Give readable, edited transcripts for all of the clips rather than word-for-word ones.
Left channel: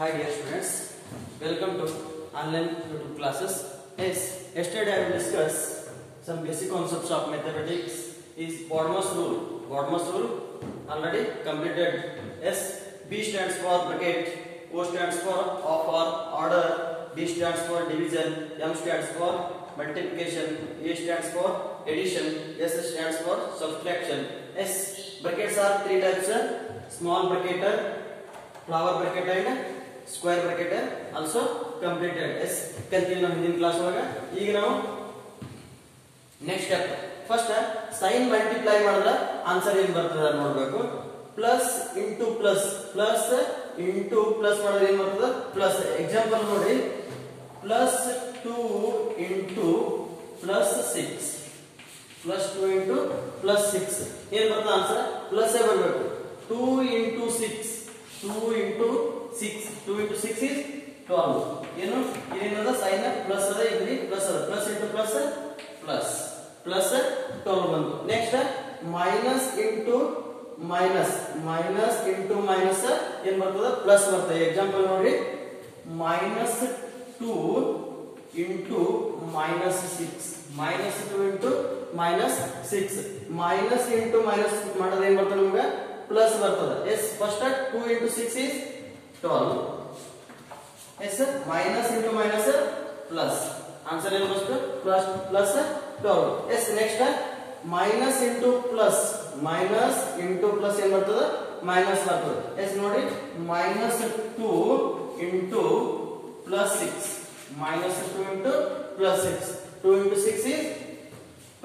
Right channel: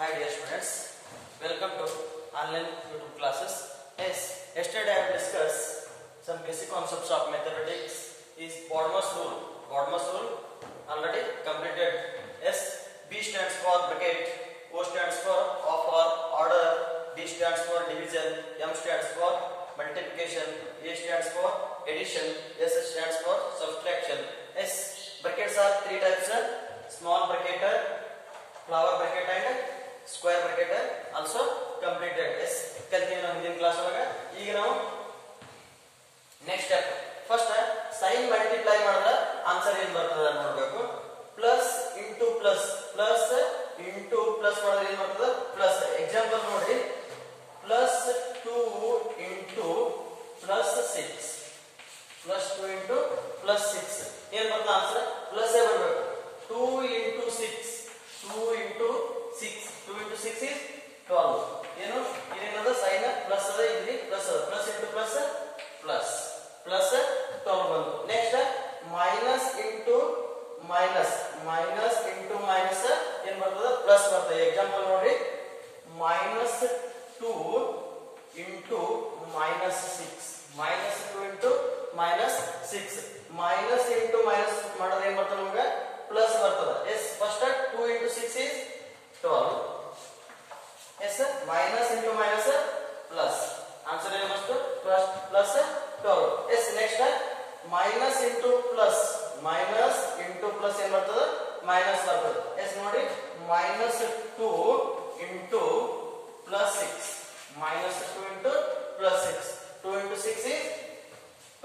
Hi dear students, welcome to online YouTube classes. Yes, yesterday I will discuss some basic concepts of mathematics. Is Bottomless rule. Bottomless rule already completed. S, B stands for bracket, O stands for of or order, D stands for division, M stands for multiplication, A stands for addition, S stands for subtraction. S brackets are three types: small bracket, flower bracket and square bracket also completed. Yes, ಕಲ್ತಿದ್ದೀವಿ ನಾವು ಹಿಂದಿನ class ಒಳಗೆ. ಈಗ ನಾವು next step first sign multiply ಮಾಡಿದ್ರೆ answer ಏನು ಬರ್ತದೆ ನೋಡಬೇಕು. ಪ್ಲಸ್ ಇಂಟು ಪ್ಲಸ್ ಮಾಡಿದ್ರೆ ಏನು ಬರ್ತದೆ ಪ್ಲಸ್. ಎಕ್ಸಾಂಪಲ್ ನೋಡಿ, ಪ್ಲಸ್ 2 ಇಂಟು ಪ್ಲಸ್ 6 ಏನ್ ಬರ್ತದೆ ಆನ್ಸರ್ ಪ್ಲಸ್ ಬರಬೇಕು. 2 ಇಂಟು 6 is 12. ಏನು ಇದೇನದ ಸೈನ್ ಪ್ಲಸ್ ಅದ, ಇಲ್ಲಿ ಪ್ಲಸ್ ಅದ, ಪ್ಲಸ್ ಇಂಟು ಪ್ಲಸ್ ಪ್ಲಸ್ 12 ಬಂತು. ನೆಕ್ಸ್ಟ್ ಮೈನಸ್ ಇಂಟು ಮೈನಸ್ ಏನ್ ಬರ್ತದ ಪ್ಲಸ್ ಬರ್ತದೆ. ಎಕ್ಸಾಂಪಲ್ ನೋಡಿ, minus 2 into minus 6 minus into minus ಮಾಡೋದು ಏನ್ ಬರ್ತದೆ ನಮ್ಗೆ ಪ್ಲಸ್ ಬರ್ತದೆ. Yes first 2 into 6 is 12. yes minus into minus plus answer is must plus 12. yes next minus into plus ಏನ್ ಬರ್ತದೆ ಮೈನಸ್ ಬರ್ತದೆ. yes ನೋಡಿ, minus 2 into plus 6 2 into 6 is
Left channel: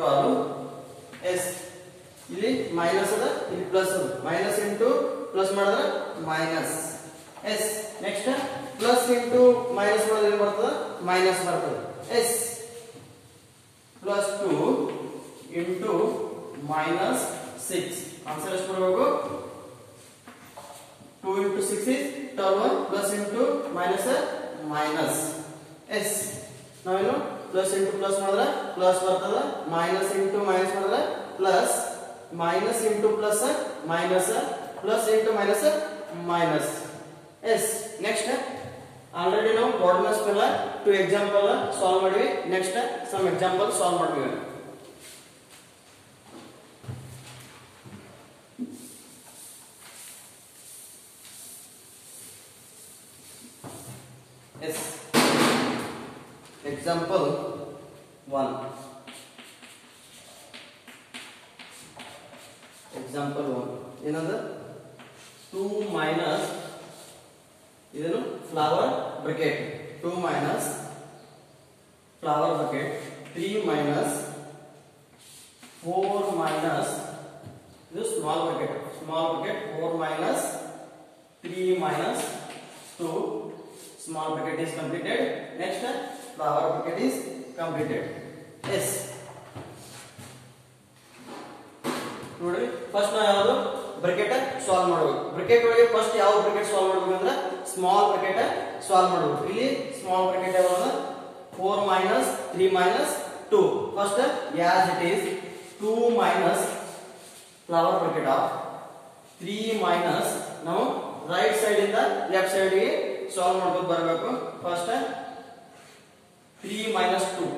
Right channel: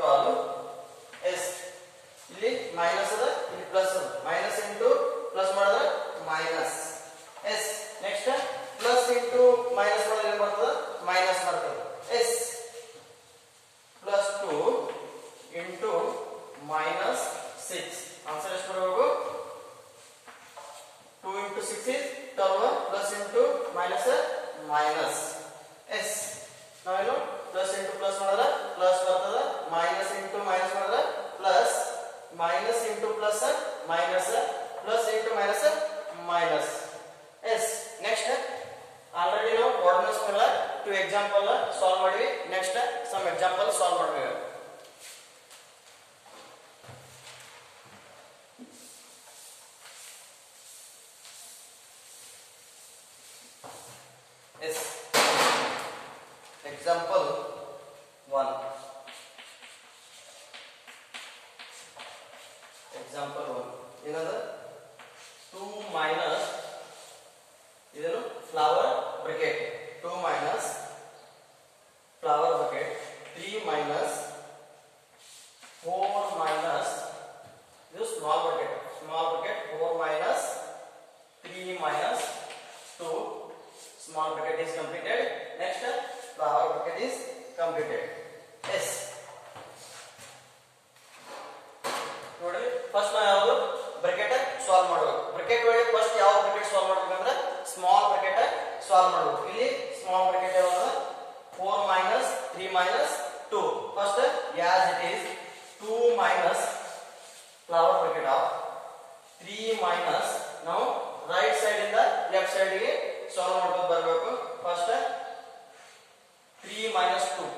12. yes ಇಲ್ಲಿ ಮೈನಸ್ ಅದ, ಇಲ್ಲಿ ಪ್ಲಸ್ ಅದ, ಮೈನಸ್ ಇಂಟು ಪ್ಲಸ್ ಮಾಡಿದ್ರೆ minus. Yes next plus into minus ಮಾಡಿದ್ರೆ ಏನ್ ಬರ್ತದೆ ಮೈನಸ್ ಬರ್ತದೆ. Yes plus 2 into minus 6 answer ಎಷ್ಟು ಬರಬೇಕು 2 into 6 is 12 plus into minus. Yes ನಾವೇನು ಪ್ಲಸ್ ಇಂಟು ಪ್ಲಸ್ ಮಾಡಿದ್ರೆ ಪ್ಲಸ್ ಬರ್ತದೆ, ಮೈನಸ್ ಇಂಟು ಮೈನಸ್ ಮಾಡಿದ್ರೆ plus, minus into plus minus, plus into minus. Yes next already ನಾವು ಬಾಟಮ್ಲೆಸ್ ಮೇಲೆ 2 example solve ಮಾಡಿವಿ. Next some example solve ಮಾಡ್ತೀವಿ. Yes example 1. Example 1 ಏನದ 2 minus ಇದನ್ನು flower bracket, 2 minus flower bracket, 3 minus 4 minus ಇದು small bracket 4 minus 3 minus 2 small bracket is completed. next flower bracket is completed. yes ನೋಡಿ, first ನಾವು ಯಾವುದು bracket solve ಮಾಡಬೇಕು. Bracket ಒಳಗೆ first ಯಾವ ಬ್ರಾಕೆಟ್ ಸಾಲ್ವ್ ಮಾಡಬೇಕು ಅಂದ್ರೆ ಸ್ಮಾಲ್ ಬ್ರಾಕೆಟ್ ಸಾಲ್ವ್ ಮಾಡಬೇಕು. ಇಲ್ಲಿ ಸ್ಮಾಲ್ ಬ್ರಾಕೆಟ್ ಯಾವುದು 4 minus 3 minus 2. First as it is 2 minus flower bracket of 3 minus ನಾವು ರೈಟ್ ಸೈಡ್ ಇಂದ ಲೆಫ್ಟ್ ಸೈಡ್ ಗೆ ಸಾಲ್ವ್ ಮಾಡ್ಕೊಂಡು ಬರಬೇಕು. First 3 minus 2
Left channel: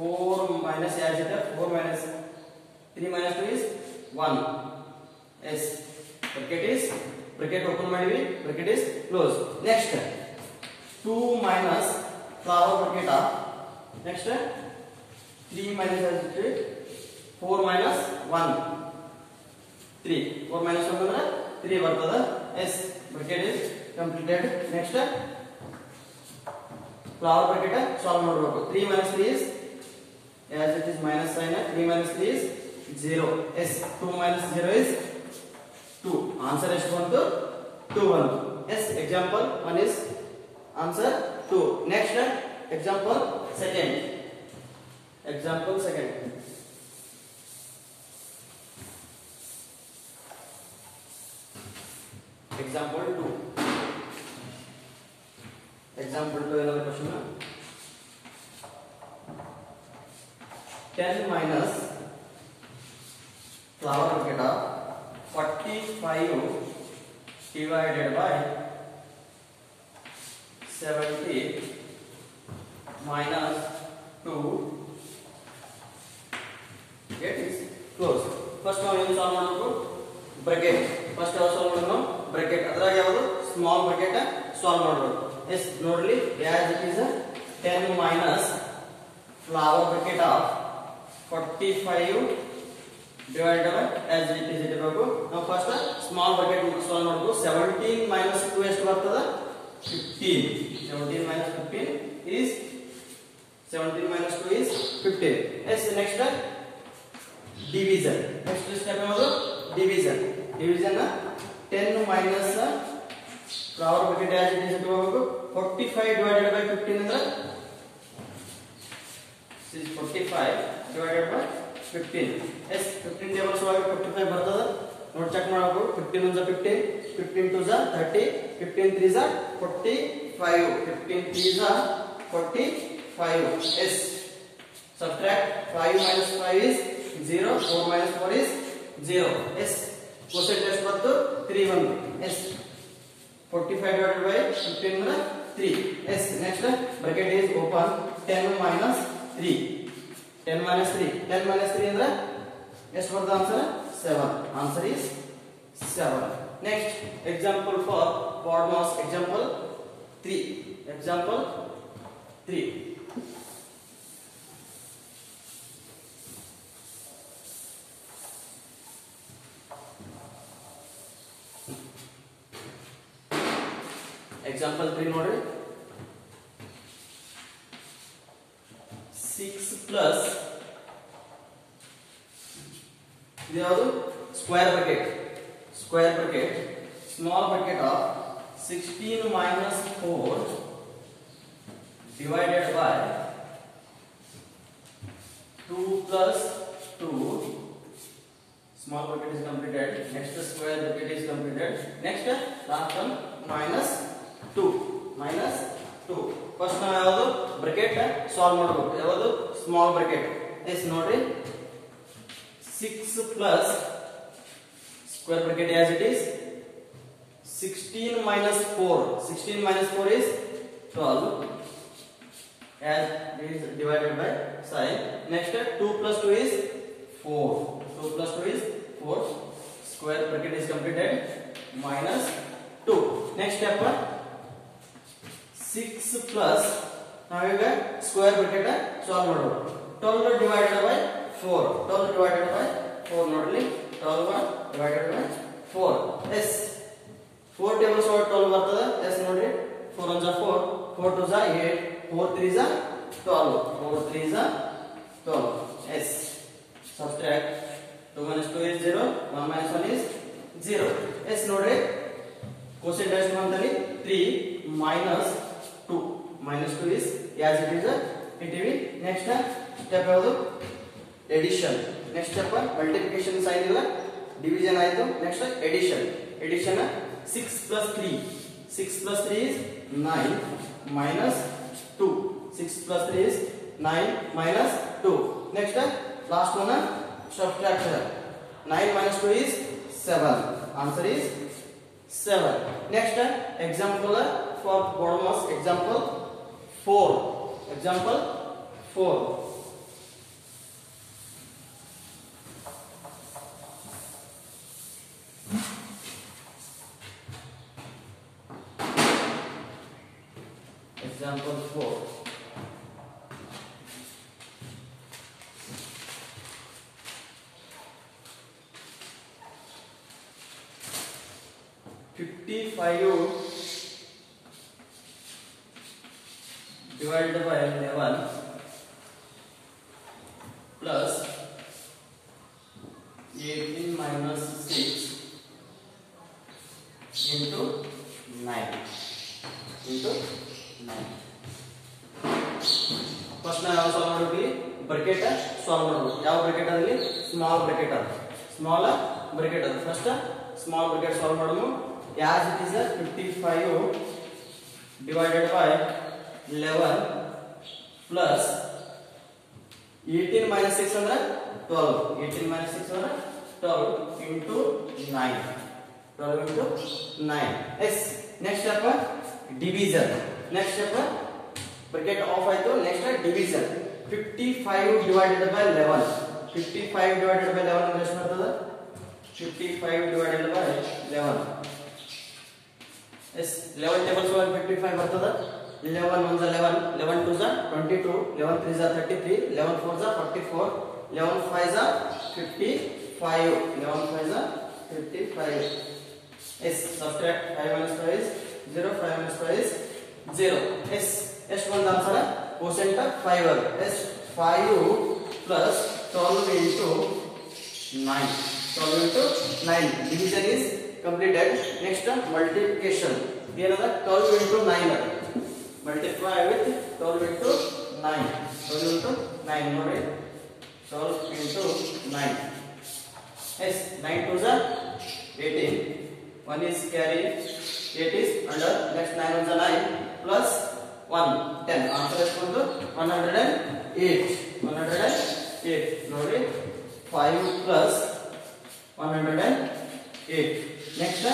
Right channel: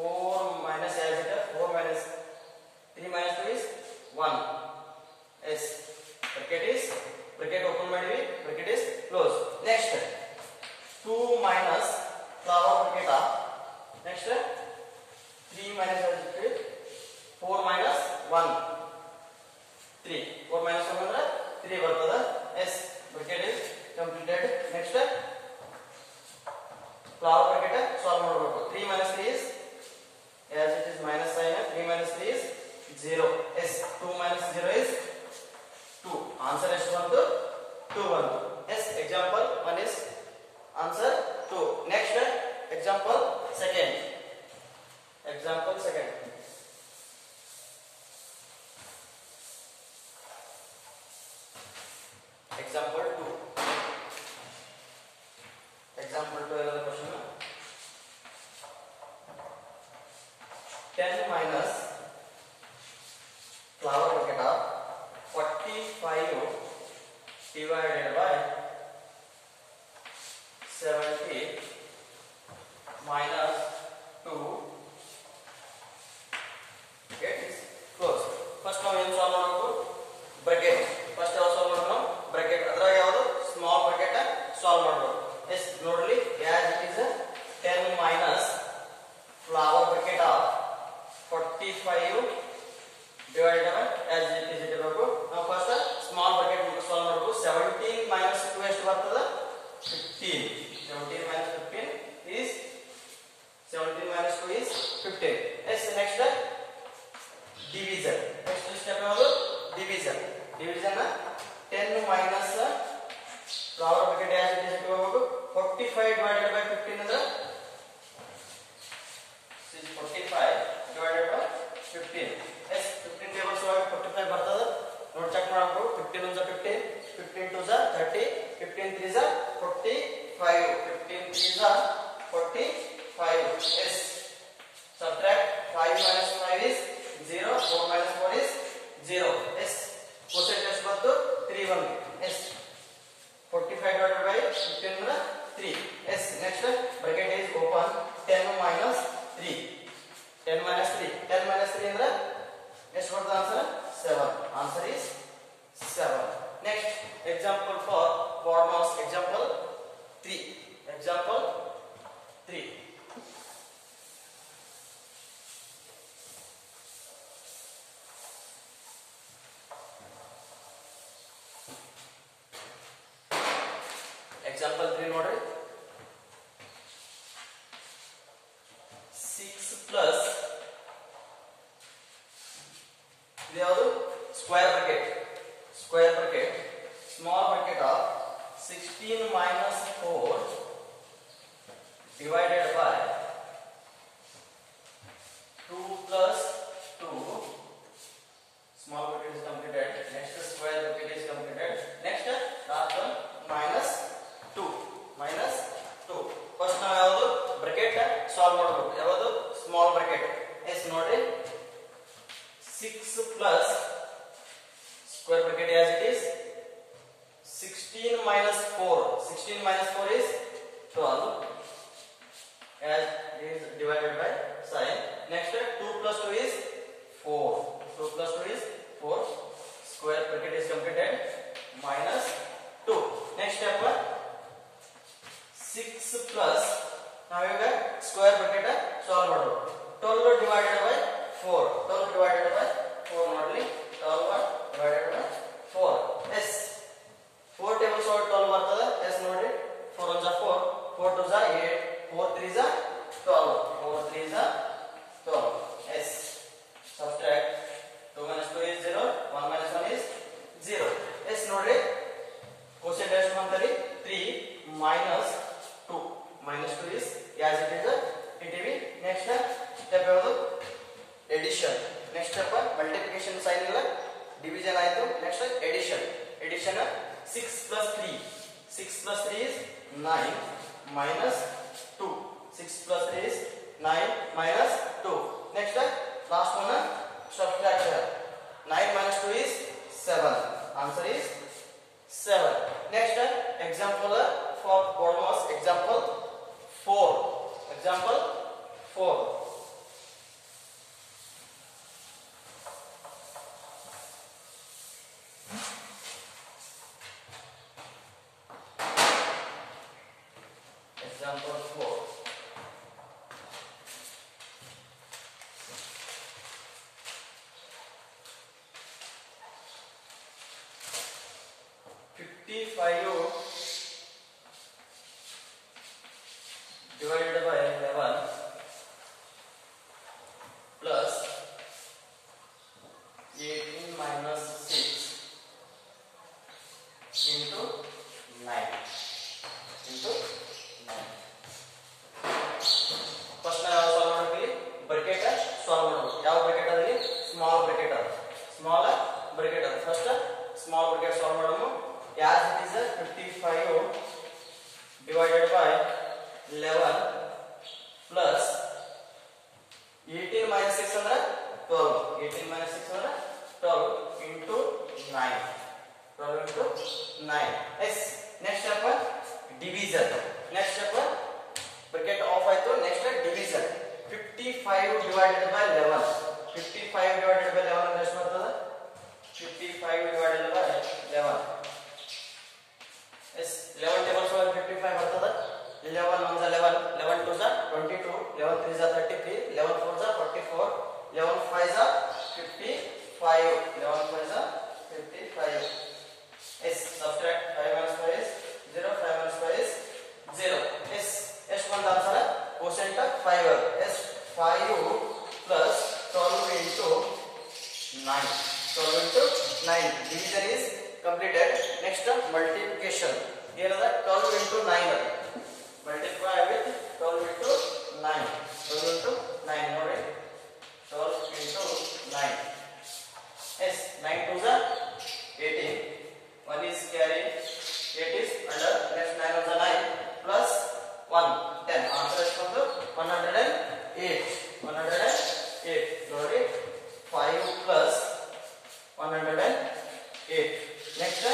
4 minus as it 4 minus 3 minus 2 is 1. yes bracket open ಮಾಡಿವಿ, bracket is close. next 2 minus flower bracket of, next 3 minus 4 minus 1 3 4 minus 1 ಅಂದ್ರೆ 3 ಬರ್ತದ. yes bracket is completed. next flower bracket solve ಮಾಡಬೇಕು. 3 minus 3 is as it is minus sign, 3 minus 3 is 0. yes 2 minus 0 is 2. answer ಎಷ್ಟು ಬಂತು 2 ಬಂತು. yes example 1 is answer 2. next example second. example 2 another question. 10 minus flower bracket of 45 divided by 70 minus 2 get is close. First ನಾವು ಏನು solve ಮಾಡಬೇಕು bracket first ಯಾವ solve ಮಾಡೋಣ bracket ಅದರ ಯಾವುದು ಸ್ಮಾಲ್ ಬ್ರಾಕೆಟ್ ಸಾಲ್ವ್ ಮಾಡಬೇಕು ಎಸ್ ನೋಡ್ರಿ as it is 10 minus flower bracket of 45 divided by as it is ಇರಬೇಕು ನಾವು ಫಸ್ಟ್ ಸ್ಮಾಲ್ ಬ್ರಾಕೆಟ್ ಸಾಲ್ವ್ ಮಾಡಬೇಕು 17 minus 2 ಎಷ್ಟು ಬರ್ತದೆ 15 17 minus 15 is 17 minus 2 is 15 yes next division next step ಯಾವುದು division division 10 minus flower bracket as it is ಇರಬೇಕು 45 divided by 15 ಅಂದ್ರೆ this is 45 divided by 15 yes 15 tables ಒಳಗೆ 45 ಬರ್ತದೆ ನೋಡಿ ಚೆಕ್ ಮಾಡಬೇಕು 15 1 15 15 2 30 15 3 45 15 3 45 yes subtract 5 minus 5 is 0 4 minus 4 is 0 yes quotient ಎಷ್ಟು ಬಂತು 3 1 yes 45 divided by 15 ಅಂದ್ರೆ 3 yes next bracket is open 10 minus 3 10 minus 3 10 minus 3 ಅಂದ್ರೆ ಎಷ್ಟು ಬರ್ತದೆ answer 7 answer is 7 next example for BODMAS example 3 example 3 ನೋಡ್ರಿ 6 plus ಇದು ಯಾವುದು square bracket small bracket of 16 minus 4 divided by 2 plus 2 small bracket is completed next square bracket is completed next last one minus 2 first ನಾವು ಯಾವುದು bracket solve ಮಾಡಬೇಕು ಯಾವುದು small bracket S ನೋಡ್ರಿ 6 plus square bracket as it is 16 minus 4 is 12 as it is divided by sign next 2 plus 2 is 4 square bracket is completed minus 2 next step 6 plus ನಾವೀಗ square bracket solve ಮಾಡೋದು 12 divided by 4 ನೋಡ್ಲಿ 12 divided by 4 yes 4 tables over 12 ಬರ್ತದೆ yes ನೋಡ್ರಿ 4 1 4 4 2 8 4 3 12 yes subtract 2 minus 2 is 0 1 minus 1 is 0 yes ನೋಡ್ರಿ quotient ಎಷ್ಟು ಬಂತಲ್ಲಿ 3 minus 2 is as it is it will next step ಯಾವುದು addition next step multiplication sign ಇಲ್ಲ division ಆಯ್ತು next addition 6 plus 3 is 9 minus 2 6 plus 3 is 9 minus 2 next last one subtraction 9 minus 2 is 7 answer is 7 next example for BODMAS example 4 example 55 divided by 11 plus 18 minus 6 into 9 first ನಾವು solve ಮಾಡಬೇಕು bracket solve ಮಾಡಬೇಕು ಯಾವ bracket ಅದರಲ್ಲಿ small bracket ಅದು first small bracket solve ಮಾಡೋಣ as it is 55 divided by 11 plus 18 minus 6 ಅಂದ್ರೆ 12 18 minus 6 ಅಂದ್ರೆ 12 into 9 12 into 9 yes next step division next step bracket off ಆಯ್ತು. Next division 55 divided by 11. 55 divided by 11 ಅಂದ್ರೆ ಎಷ್ಟು ಬರ್ತದೆ? 55 divided by 11. S 11 tables ಒಳಗೆ 55 ಬರ್ತದೆ. 11 1 11, 11 2 22, 11 3 33, 11 4 44, 11 5 55, 11 5 55. Yes, subtract 5 minus 5 is 0, 5 minus 5 is 0. Yes, ಎಷ್ಟು ಬಂದ ಆನ್ಸರ್? ಕ್ವೋಷೆಂಟ್ 5 ಅದ. Yes 5 plus 12 into 9. 12 into 9. Division is completed. Next multiplication. ಏನದ? 12 into 9 ಅದ. Multiply with 12 into 9. 12 into 9 ನೋಡಿ. 12 into 9. Yes, 9 2 18. 1 is carry. 8 is under. Next 9 1 9 plus 1 10. Answer is 108. 108 ನೋಡಿ. 5 plus 108. Next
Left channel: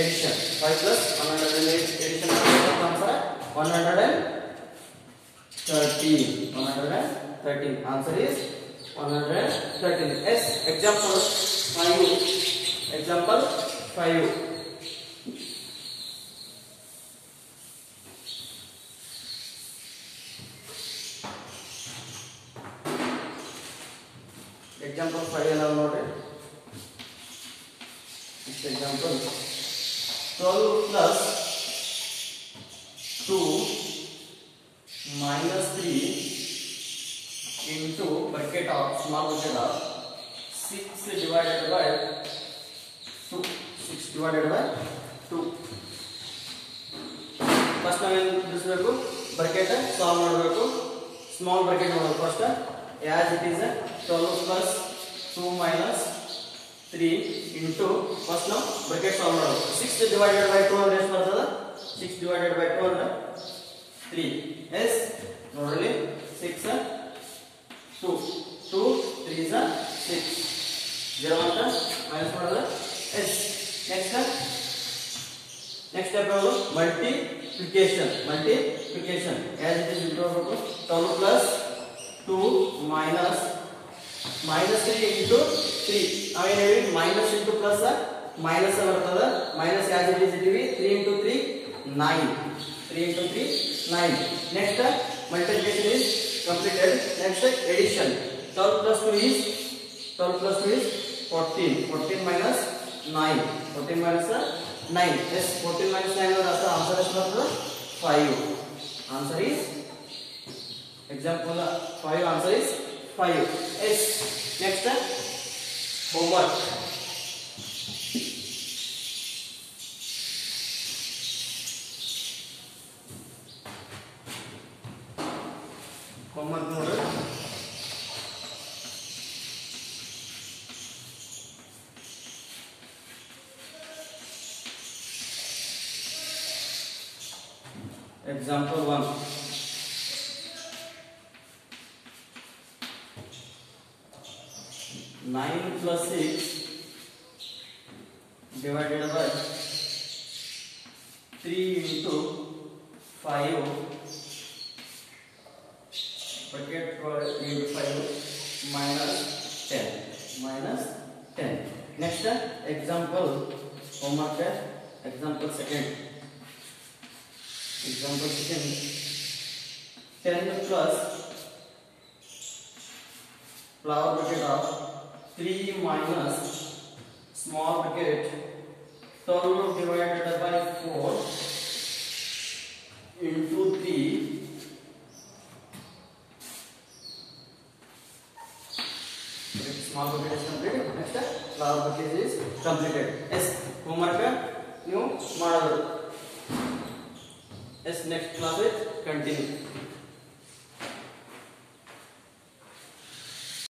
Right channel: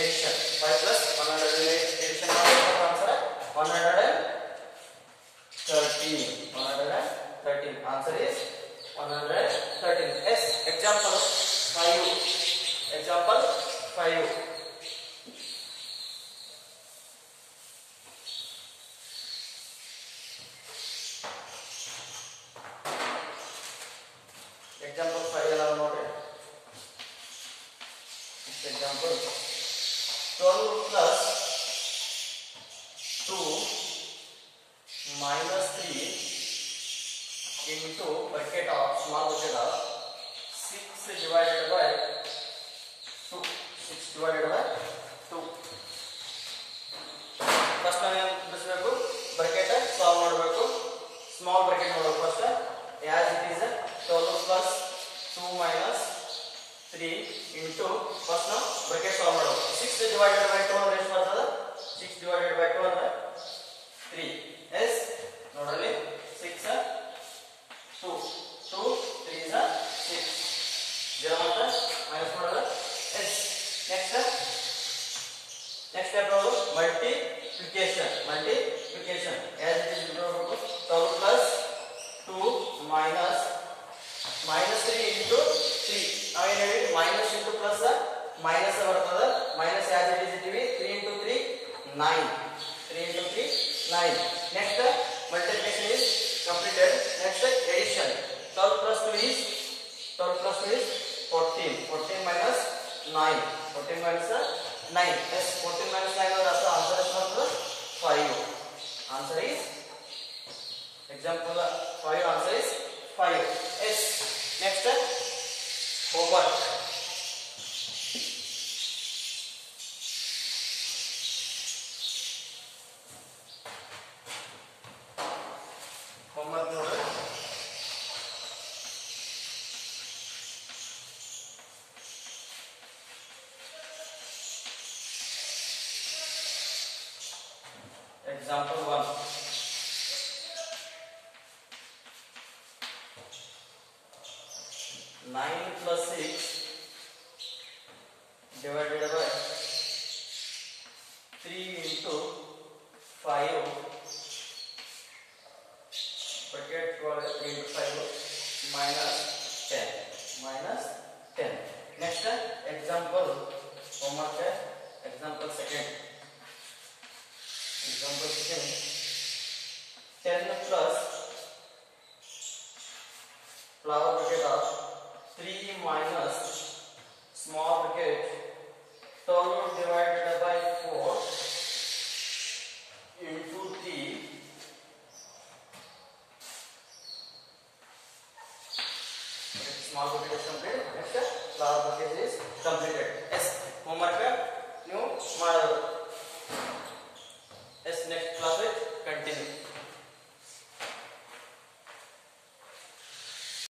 addition. 5 plus 108 addition answer 113. 113. Answer is 113. Yes, example 5. Example 5. Example 5 allow note. Next example 12 plus 2 minus 3 into bracket of small bracket of 6 divided by 2. 6 divided by 2. First ನಾವು ಏನು ಬಿಡಿಸಬೇಕು? Bracket solve ಮಾಡಬೇಕು. Small bracket ನೋಡಬೇಕು first. as it is 12 plus 2 minus 3 into first now bracket solve ಮಾಡಬೇಕು. 6 divided by 2 ಅಂದ್ರೆ ಎಷ್ಟು ಬರ್ತದೆ? 6 divided by 2 ಅಂದ್ರೆ 3. yes ನೋಡಲಿ 6 2 2 3 is 6. 0 ಅಂತ ಮೈನಸ್ ಮಾಡಿದ್ರೆ yes. next step ಯಾವುದು? multiplication. as it is ಇರಬೇಕು 12 plus 2 minus 3 into 3. ನಾವೇನು ಹೇಳಿ ಮೈನಸ್ ಇಂಟು ಪ್ಲಸ್ ಮೈನಸ್ ಬರ್ತದೆ. ಮೈನಸ್ as it is ಇಟ್ಟಿವಿ. 3 into 3 9. 3 into 3 9. next multiplication is completed. next addition. 12 plus 2 is 14. 14 minus 9. 14 minus 9. yes 14 minus 9 ಅಂದ್ರೆ answer ಎಷ್ಟು ಬರ್ತದೆ? 5. answer is example 5. answer is 5. yes. next homework. homework ನೋಡಿ. example 1. 9 plus 6 divided by 3 into 5 bracket into 5 minus 10. next example homework. example second. 10 plus flower bracket of 3 minus small bracket 12 divided by 4 into 3 small bracket is completed. next flower bracket is completed. yes homework ನೀವು ಮಾಡಬಹುದು. yes next class it continue.